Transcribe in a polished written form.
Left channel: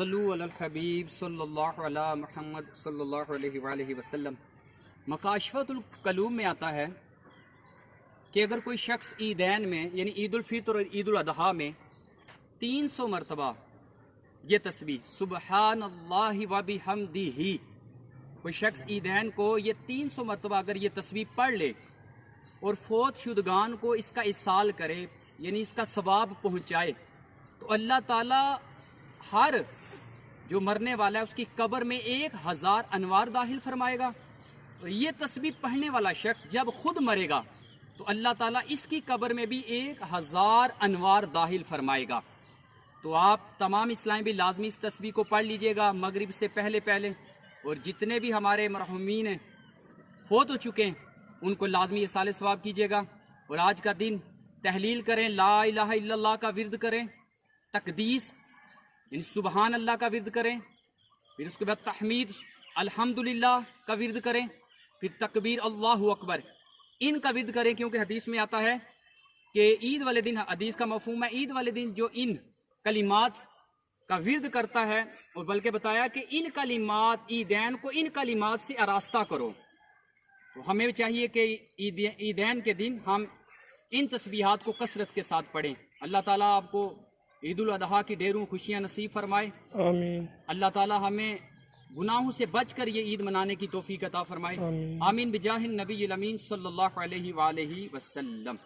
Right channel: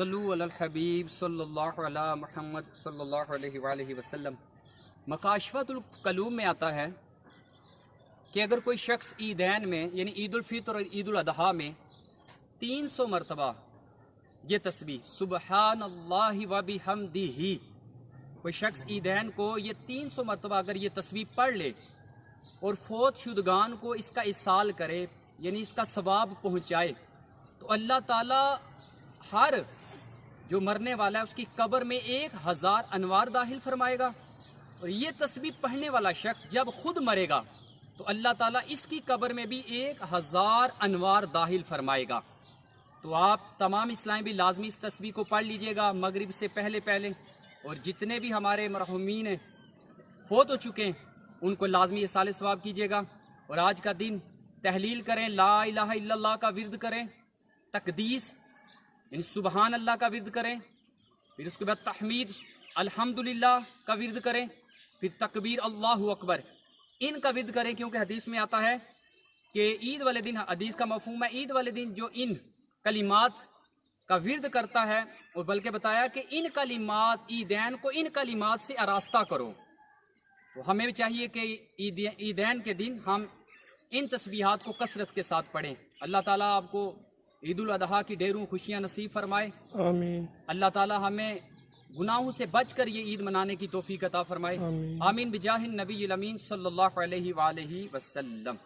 صلو علی الحبیب صلی اللہ علی محمد صلی اللہ علیہ وآلہ وسلم۔ مکاشفۃ القلوب میں آتا ہے کہ اگر کوئی شخص عیدین میں یعنی عید الفطر اور عید الاضحیٰ میں 300 مرتبہ یہ تسبیح سبحان اللہ و بحمدہ، کوئی شخص عیدین کو یہ 300 مرتبہ اگر یہ تسبیح پڑھ لے اور فوت شدگان کو اس کا اصال کرے یعنی اس کا ثواب پہنچائے، تو اللہ تعالیٰ ہر جو مرنے والا ہے اس کی قبر میں 1000 انوار داخل فرمائے گا، اور یہ تسبیح پڑھنے والا شخص جب خود مرے گا تو اللہ تعالیٰ اس کی قبر میں بھی 1000 انوار داخل فرمائے گا۔ تو آپ تمام اسلام بھی لازمی اس تسبیح کو پڑھ لیجئے گا مغرب سے پہلے پہلے، اور جتنے بھی ہمارے مرحومین ہیں فوت ہو چکے ہیں ان کو لازمی اصال ثواب کیجیے گا، اور آج کا دن تحلیل کریں، لا الہ الا اللہ کا ورد کریں، تقدیس یعنی سبحان اللہ کا ورد کریں، پھر اس کے بعد تحمید الحمدللہ کا ورد کریں، پھر تکبیر اللہ اکبر ان کا ورد کریں، کیونکہ حدیث میں آتا ہے کہ عید والے دن، حدیث کا مفہوم ہے عید والے دن جو ان کلمات کا ورد کرتا ہے، اور بلکہ بتایا کہ ان کلمات عیدین کو ان کلمات سے آراستہ کرو۔ تو ہمیں بھی چاہیے کہ عیدین کے دن ہم ان تسبیحات کو کثرت کے ساتھ پڑھیں۔ اللہ تعالیٰ آپ کو عید الاضحیٰ کی ڈھیروں خوشیاں نصیب فرمائے، آمین۔ اللہ تعالیٰ ہمیں گناہوں سے بچ کر یہ عید منانے کی توفیق عطا فرمائے، آمین۔ آمین بجاہ النبی الامین صلی اللہ علیہ وآلہ وسلم۔